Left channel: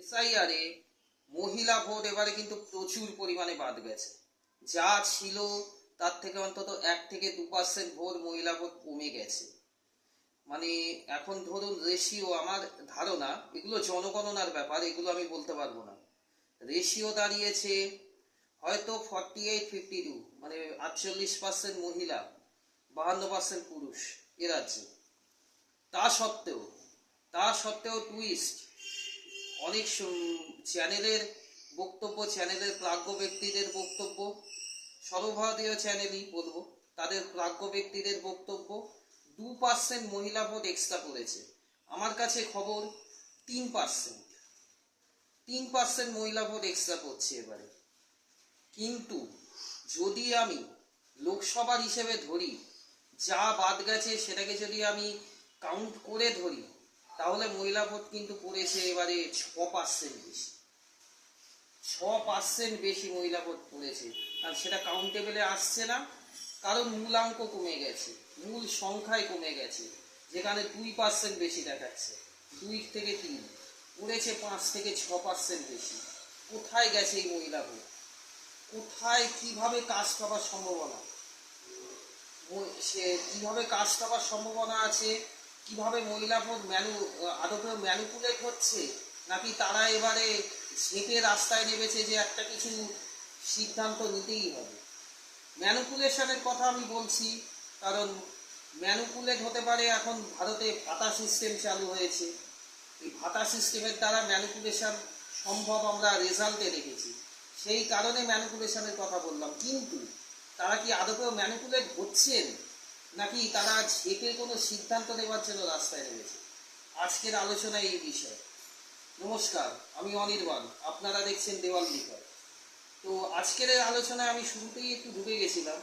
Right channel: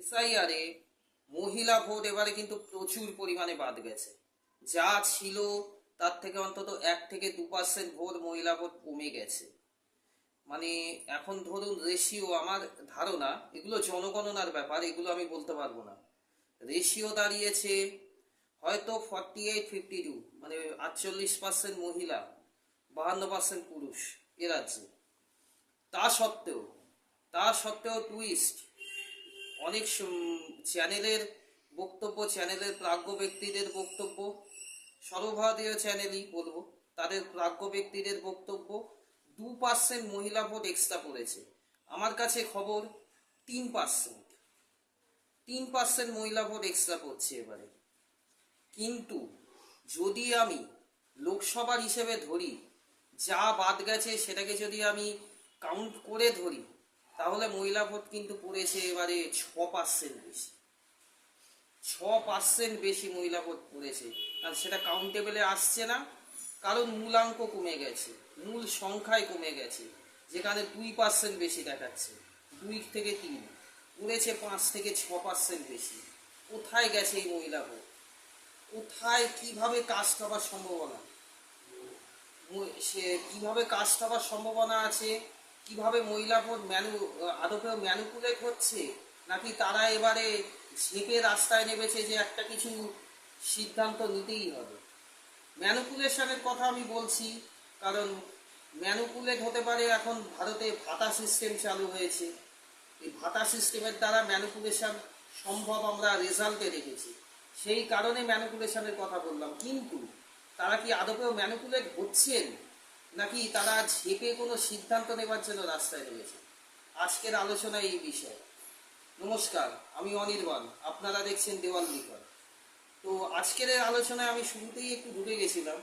এসআইআরে মহিলা ভোট এবারে কিন্তু প্রচুর পরিমাণে বাদ গেছে। যা ছিল তার থেকে অন্তত 1 থেকে 2% ভোট, মহিলা ভোট কমে গেছে। মানে এখন ধরুন রেশিও, আমার ধারণা, এগুলো জনগণনার ব্যাপার, এগুলো আমি বলতে পারবো না। রেশিও দাঁড়িয়েছে হয়তো 48-52, মানে 48% মহিলা, 52% পুরুষ এ রাজ্যে। তা সত্ত্বেও টুইস্ট, অনেক চ্যানেলের বক্তব্য, চ্যানেলের প্রাজ্ঞ ব্যক্তিদের বক্তব্য, সর্বভারতীয় চ্যানেলই বলবো, তাদের প্রাজ্ঞ ব্যক্তিদের বক্তব্য 2% মহিলা ভোট এক্সট্রা পড়েছে। আমার কাছে খবর 3%, 3% মহিলা ভোট এক্সট্রা পড়ছে এবারে। কিন্তু যদি আমি লোকসভার হিসেবে ধরি, যা বাদ গেছে সেটাকে যদি আমি কাউন্ট করে ধরি, তাহলে মহিলা ভোট কিন্তু পড়েছে এবারে 6% বেশি। 6% বেশি মহিলা ভোট পড়েছে। আর সেটা কাউন্টেবলে আসছে না, কারণ মূলাঙ্ক কমে গেছে, মূল সংখ্যায় কমে গেছে। যেখানে 2% বেশি দেখাচ্ছে, 2 থেকে 3 পড়েছে 5 থেকে 6% বেশি। কোথায় গেছে এই মহিলা ভোট? কোথায়, কিভাবে কাস্ট হবার সম্ভাবনা, সে কিভাবে কাস্ট হবার সম্ভাবনা আছে? কিভাবে মহিলা ভোট আদপেও ম্যানুপুলেট হচ্ছে, নাকি তারা এবারে ঝেঁপে রাস্তায় নেমেছে যে একটা কিছু সিদ্ধান্ত নিতেই হবে? ম্যানুপুলেশনের কথা আমি বলছি কারণ ম্যানুপুলেট হতে পারে। এখন ভারতে ভাতা সিস্টেম চালু হয়েছে, এই ভাতা সিস্টেমের দ্বারা ম্যানুপুলেশন সম্ভব, আমরা রেজাল্টে দেখেছি। সেই কারণে ম্যানুপুলেশনের কথা বললাম। কিন্তু তারা কি আদপেও ম্যানুপুলেট হচ্ছেন, নাকি তারা ঝেঁপে কোনো সিদ্ধান্ত নেবার জন্য রাস্তায় নেমেছে? আজকের আলোচনা এই বিষয়। নমস্কার, আমি অনির্বাণ, আপনারা দেখছেন দেওয়াল লিখন। তো আজকের আলোচনায় আমি শুরুতেই একটু ঢুকে গেছিলাম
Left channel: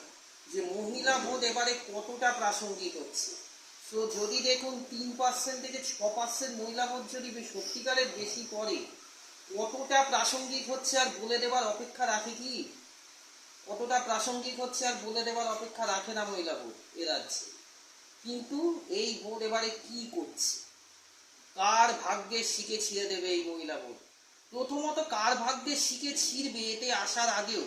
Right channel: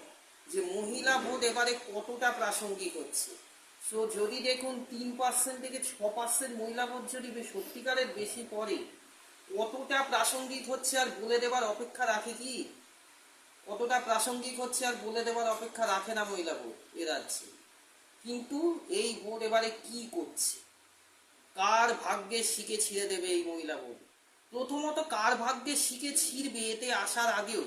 যে মহিলা ভোট এবারে কতটা প্রাসঙ্গিক হচ্ছে। সো যদি দেখুন 3% থেকে 6% মহিলা ভোট যদি সত্যিকারের বেশি পড়ে, কতটা প্রাসঙ্গিক হচ্ছে আর বলে দেবার অপেক্ষা রাখে কি? কতটা প্রাসঙ্গিক হচ্ছে আর বলে দেবার অপেক্ষা রাখে না মহিলা ভোট এ রাজ্যে। কিন্তু এই ভোট এবারে কি করছে? কার ভাগ্যে শিকে ছিঁড়ে দেবে এই মহিলা ভোট? প্রথমত কার ভাগ্যে শিকে ছিঁড়বে এতে আসার আগেও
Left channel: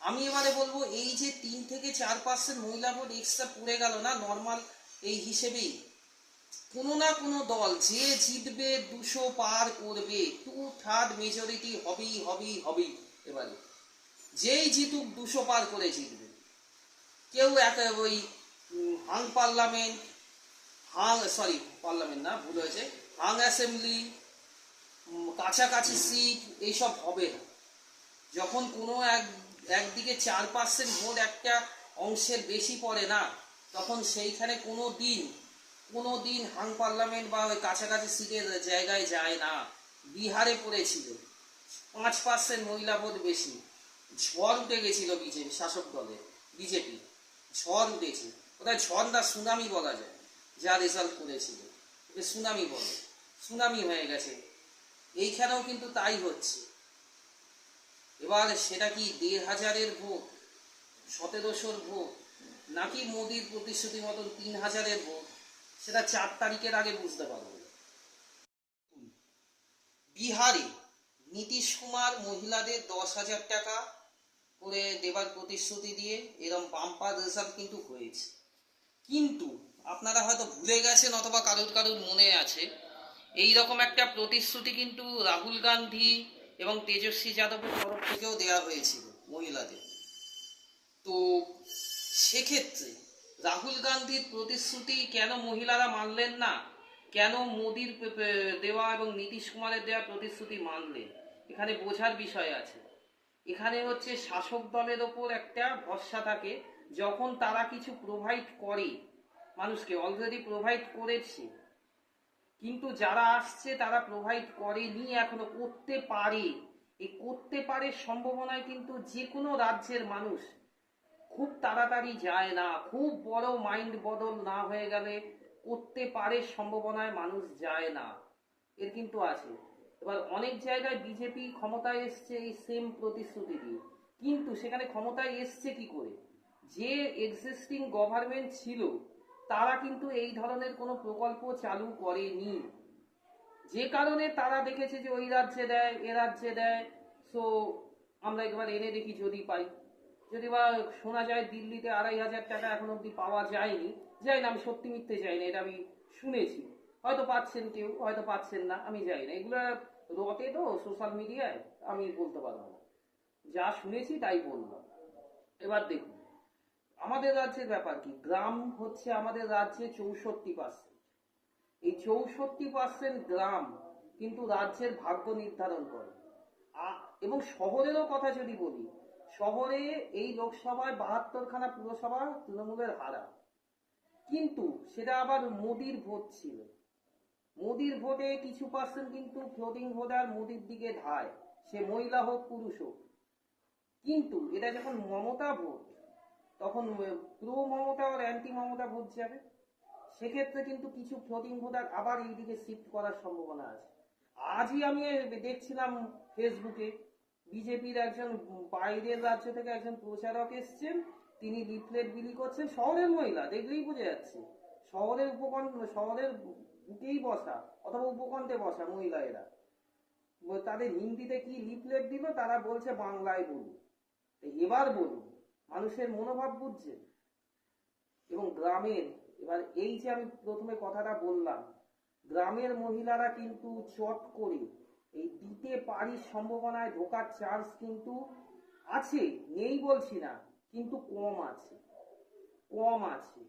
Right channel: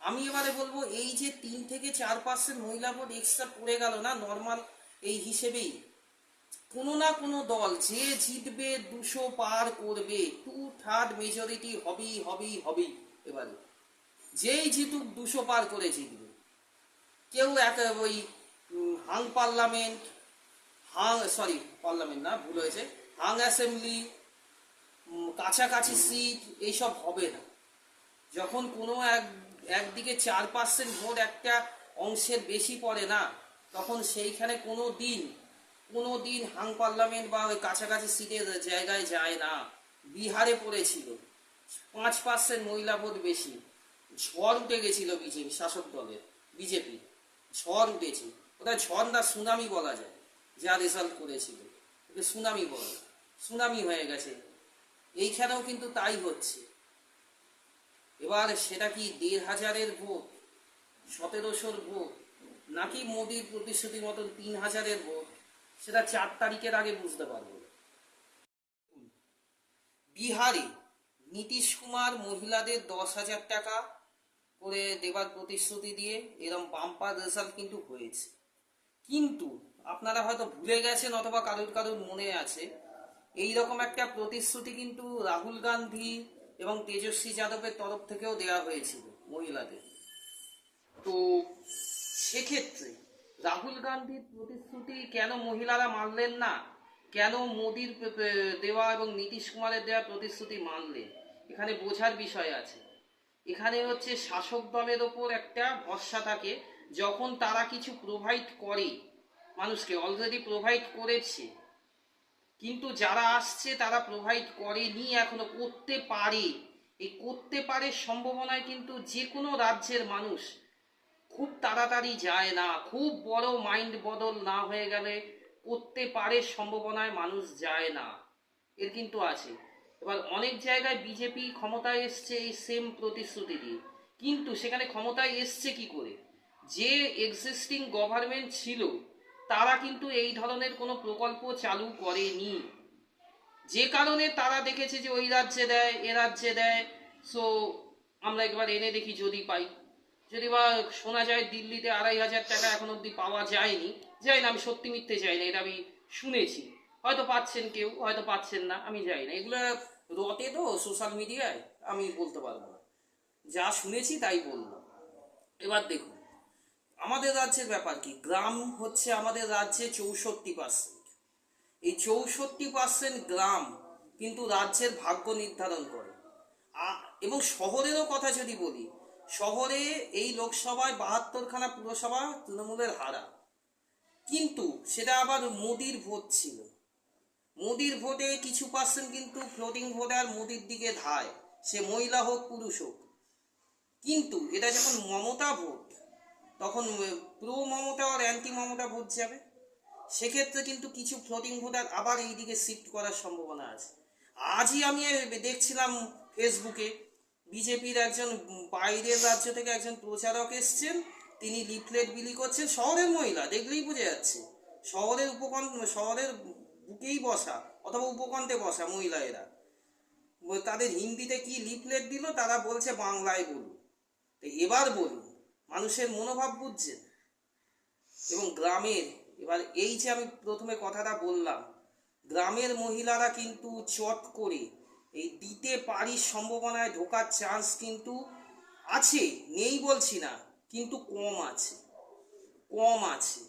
আমি এবারে বলবো, এই যে 3 থেকে 4% মহিলা ভোট এক্সট্রা পড়ে গেল না নর্মাল এই হিসেবেই, কোনো না কোনো দল যে জিতবে 200 পার করবে, 2/3 মেজরিটি হবেই হবেই হবেই। এবারে যেই জিতুক 200 পার করে জিতবে। কেউ ওই হাং পার্লামেন্ট, পার্লামেন্ট না, ভুল হয়েছে, হাং অ্যাসেম্বলি, কাছাকাছি সিট এইসব হবে না। যখন কোনো একদিকে 4% ভোট একটা অংশের বেশি পড়ে না, তখন সেইখানে কোনো দিন হাং পার্লামেন্ট বা ওই কাছাকাছি সিটের জায়গায় যায় না। বিহারে পড়েছিল 5% মহিলা ভোট বেশি, ঝড় উঠে গেছিল বিজেপি শাসক দলের, বিজেপি ঝড় উঠেছে। ওটা ঝড় না, সুনামি বলা যায়। যা রেজাল্ট করেছিল ওকে সুনামি বলে, সুনামি হয়ে গেছে। এইখানেও কিন্তু তাই হচ্ছে। এবার সেটা কি 1,500-এর ভোট, 1,700-র ভোট, নাকি মোদির প্রতিশ্রুতি মতন 3,000-এর ভোট, সেটা 4 তারিখের আগে বুঝতে পারবো। বিহারে নীতিশ কুমার মহিলাদের 10,000 টাকা করে দেবার প্রতিশ্রুতি দিয়ে এরম বাম্পার রেজাল্ট কিন্তু হয়েছে। কিন্তু আপনারা হয়তো ভুলে গেছেন, অথবা কারুর কারুর মনে আছে, এই রকম একটা প্রতিশ্রুতি কিন্তু রাহুল গান্ধী এবং তেজস্বী যাদবের তরফ থেকেও দেওয়া হয়েছিল মহিলাদের। তো সেক্ষেত্রে রাহুল গান্ধীর প্রতিশ্রুতি কেন মহিলারা মানলেন না? কেন মোদির দেওয়া এবং নীতিশ কুমারের দেওয়া প্রতিশ্রুতি মানলেন? এখানে বোঝার বিষয় আছে। এখানে হচ্ছে শাসক দলের ওপর একটা ভরসা থাকে, যখন তারা কিছু প্রোভাইড করে মানুষকে, অলরেডি প্রোভাইড করেছে, কিন্তু যারা আসছে তারা প্রোভাইড করেনি, এখনো করতে পারে। এই করতে পারে সম্ভাবনায় কিন্তু যে কোনো রাজ্যের মানুষ খুব তাড়াতাড়ি যায় না, খুব বড় মাইন্ড বদল না হয়ে গেলে করতে পারে সম্ভাবনায় মানুষ যায় না, এর কিন্তু আছে। এবার অনেক জায়গায় বিজেপি ক্ষমতায় এসছে এই সেম প্রতিশ্রুতি দিয়ে, কিন্তু সেখানে ক্ষমতায় এসছে কি করে? যে এক্সিস্টিং গভর্নমেন্ট ছিল তারা কিন্তু এই ধরনের কোনো প্রকল্প চালু করেনি। যে কারণে তারা দেখেছে যে ওই রাজ্যে দেয় এ রাজ্যে দেয়, সো আমরা একবার এনে দেখি যদি পাই। যদি বা শোনা যায় দিল্লিতে 2,500 টাকা এখন অবধি পাওয়া যায়নি, যাই না, আমি সত্যি মিথ্যে চাই না, এটা আমি শুনেছি। হয়তো পাচ্ছেন কেউ, হয়তো পাচ্ছেন না, আমি যাই না, এগুলো রটে তো সোশ্যাল মিডিয়ায়, আমি বলতে পারবো না, যা শুনেছি তাই বললাম। এবার দেখুন আমাদের রাজ্যের ব্যাপার কি, গ্রাম হচ্ছে আমাদের রাজ্যে 64%। এই 64% গ্রাম কিন্তু রাজ্যের ভাগ্য নির্ধারণ করে। এবং শহরেরও কথা যদি বলি, শহরে এই লোকসভায় 72খানা পুরসভা তৃণমূলের হারা, কিন্তু সেটা আবার মোদির ভোট ছিল। মোদির ভোটে কিছু পার্সেন্ট কিন্তু ফ্লোটিং ভোটার মোদির দিকে ধায়, সে মহিলা হোক পুরুষ হোক। কিন্তু এটা যখন মমতা ভোট, তখন প্রো মমতা আর অ্যান্টি মমতা ভোট যাবে, সেক্ষেত্রে কিন্তু কিছু ফ্লোটিং ভোটার আবার এই দিকে শিফট করার সম্ভাবনা আছে। আজই আমি দেখছিলাম ফেসবুকে বিজেপির একজন বাইরের রাজ্য থেকে একজন প্রচারক এসছেন, তিনি লিফলেট বিলি করছেন, শহরের মহিলা, দেখলেই বোঝা যাচ্ছে শহরের শহরের বুকেই বসা অথবা উপকণ্ঠে বসা মহিলা এরা, তাদের হিন্দিতে কি লিফলেট দিল, তারা বলছে বাংলায় বলুন। তো এবার বলুন, মানুষের মনোভাব বুঝছেন? এবং গ্রামের, এবার এই যে আমি প্রথমে কথাটা বললাম, গ্রামের মহিলারা কিন্তু চট করে এই দিতে পারি সম্ভাবনায় ঢোকার চান্স কিন্তু আছে, নেই বলছি না, কিন্তু কম আছে, কম আছে।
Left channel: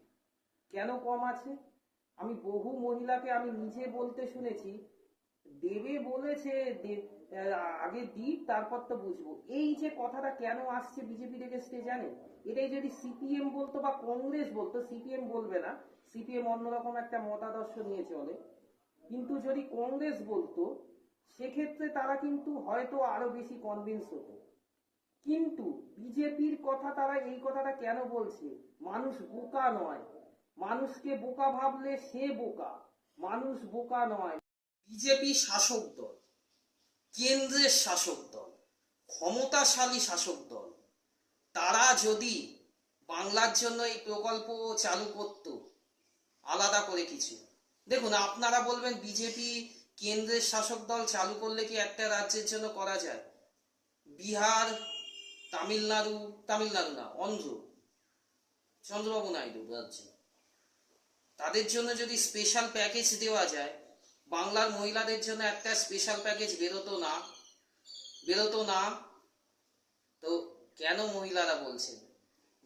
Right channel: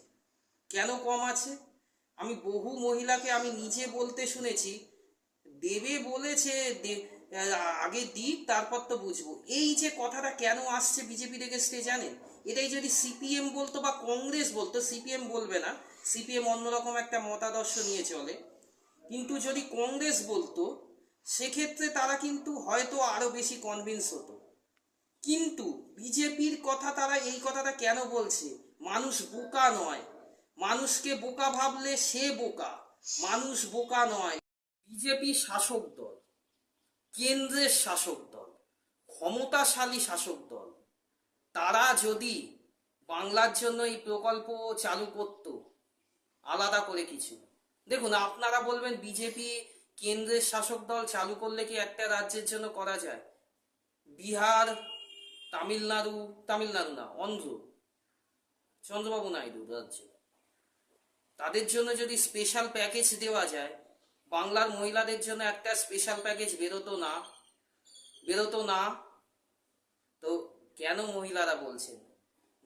কেন কম আছে? আমি বহু মহিলাকে আমি নিজে বলতে শুনেছি, দেবে বলেছে, আগে দিক তারপর তো বুঝবো। এই যে কথাটা কেন আসছে বিজেপি এগেইনস্টে জানেন? এটাই যদি সিপিএম বলতো বা কংগ্রেস বলতো, সিপিএম বলবে না, সিপিএম অন্যরকম একটা মতাদর্শ নিয়ে চলে, কিন্তু যদি কংগ্রেস বলতো সেক্ষেত্রে তারা কিন্তু হয়তো আরো বেশি কনভিন্স হতো। কিন্তু বিজেপির কথা, তারা এই কথাটা কেন বলছে? মানুষ বোকা নয়, মানুষকে বোকা ভাবলে সে বোকা, মানুষ বোকা নয়। বিজেপি শাসক দল, কেন্দ্রের শাসক দল, ক্ষমতাশালী শাসক দল, তারা যদি বাংলার জন্য এই প্রকল্প চালু করত আলাদা করে কিছু, দেখুন আপনারা বলবেন বিজেপি কেন্দ্রের শাসক দল চালু করলে কি একটা রাজ্যের জন্য করা যায়? বিহার, তামিলনাড়ু, তামিলনাড়ু না, অন্ধ্র, চন্দ্রবাবু নাইডু রাজ্য, তাদের জন্য যদি স্পেশাল প্যাকেজ দেওয়া যায়, বাংলার মহিলাদের জন্য একটা স্পেশাল প্যাকেজ বেরোতো না, বেরোতো না? তো কেন মহিলারা বলছেন,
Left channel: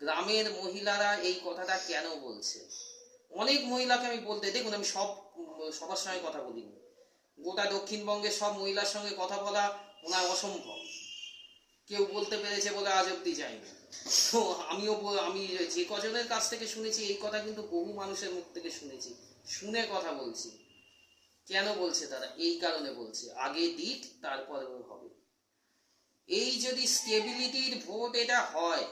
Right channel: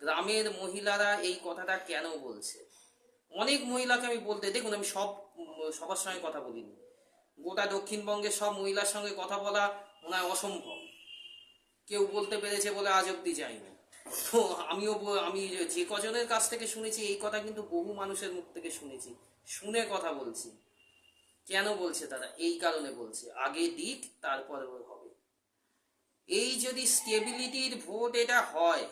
গ্রামের মহিলারা এই কথাটা কেন বলছে? অনেক মহিলাকে আমি বলতে, দেখুন আমি সবার সঙ্গে কথা বলিনি, গোটা দক্ষিণবঙ্গের সব মহিলার সঙ্গে কথা বলা ওনার অসম্ভব, কেউ বলতে পেরেছে বলে আজ অব্দি যায়নি। তো আমি যে কজনের কাছ থেকে শুনেছি এই কথা, কিন্তু বহু মানুষের মুখ থেকে শুনেছি, শুনে কথা বলছি। কেন বলছে তারা? এই কারণে বলছে, আগে দিক তারপরে হবে। এই যদি স্টেবিলিটির ভোট এটা হয়,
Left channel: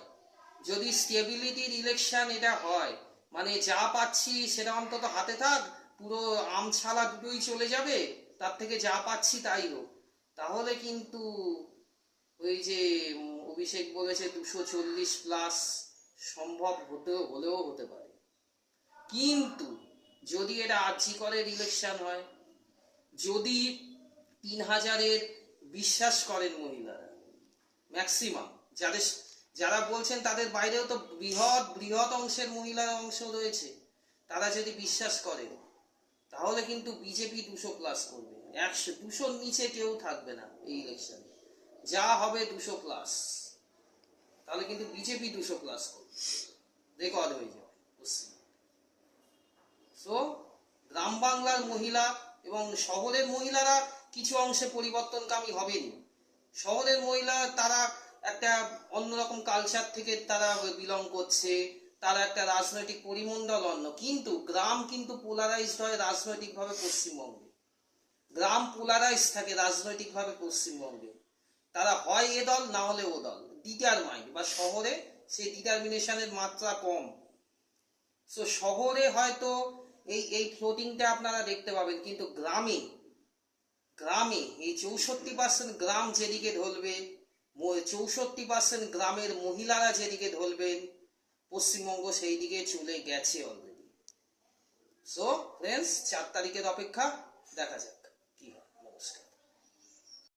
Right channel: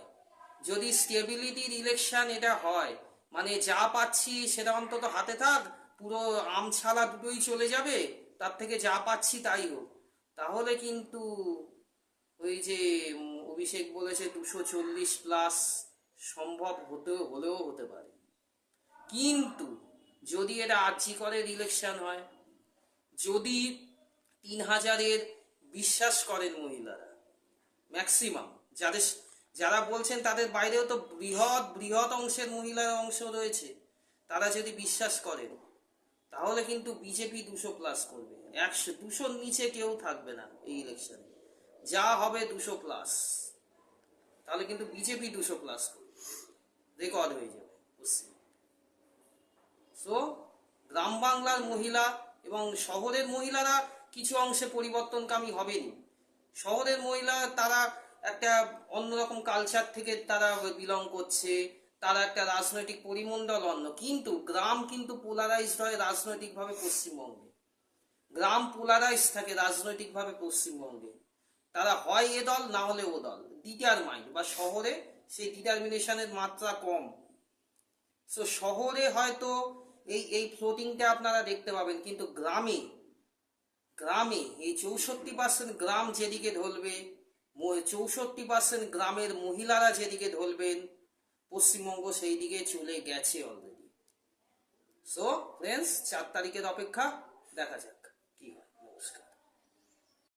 যদি স্টেবিলিটির ইলেকশন এটা হয়, মানে যা পাচ্ছি সেটা অন্তত হাতে থাক, পুরো আম ছালা দুটোই চলে যাবে, তার থেকে যা পাচ্ছি তাই হোক, তাহলে কিন্তু ওই যে অভিষেক বলেছে 240+ সম্ভব হলেও হতে পারে। কিন্তু যদি এটা আর্জিকরের ইলেকশন হয়, যদি 3,000-এর বিশ্বাস করেন মহিলারা, ম্যাক্সিমাম, যারা বলছেন তাদের বাইরেও তো বৃহৎ বৃহৎ অংশের মহিলার অংশ রয়েছে, তারা যদি বিশ্বাস করেন, তাহলে কিন্তু বিজেপি 200+ করবে। 200-র নিচে কেউ থাকবে না এই ইলেকশনে, যা হবে 200+, তাহলে কিন্তু বিজেপি 200+ করবে, রেকর্ড হয়ে যাবে। সো গ্রাম বাংলার মহিলা এবং শহরের মহিলারা কিছু অংশে পরিবর্তনকামী হবেনি। শহরের মহিলা তারা একটা অন্যরকম কালচার থেকে তারা বিলং করছে, তারা একটা রাজনৈতিক পরিমণ্ডল অন্য, কিন্তু গ্রাম কিন্তু পোলারাইজড হয় রাজনৈতিকভাবে পশ্চিমবঙ্গে, গ্রাম পোলারাইজ থাকে রাজনৈতিকভাবে পশ্চিমবঙ্গে, তারা হয় এ দল না হলে ও দল, ডিটারমাইন্ড, বা শহরে সেই ডিটারমিনেশনের মাত্রা কম। সো শহরে হয়তো এই ফ্লোটিংটা আপনারা দেখতে পাবেন, কিন্তু গ্রামে, গ্রামে এই 64% গ্রাম যেদিকে ঢলবে, 64% গ্রামের মহিলারা যেদিকে ঢলবেন, পশ্চিমবঙ্গ সেই দিকে চলে গেছে অলরেডি। সো ফ্রেন্ডস, 4 তারিখের অপেক্ষা, দেখা যাক।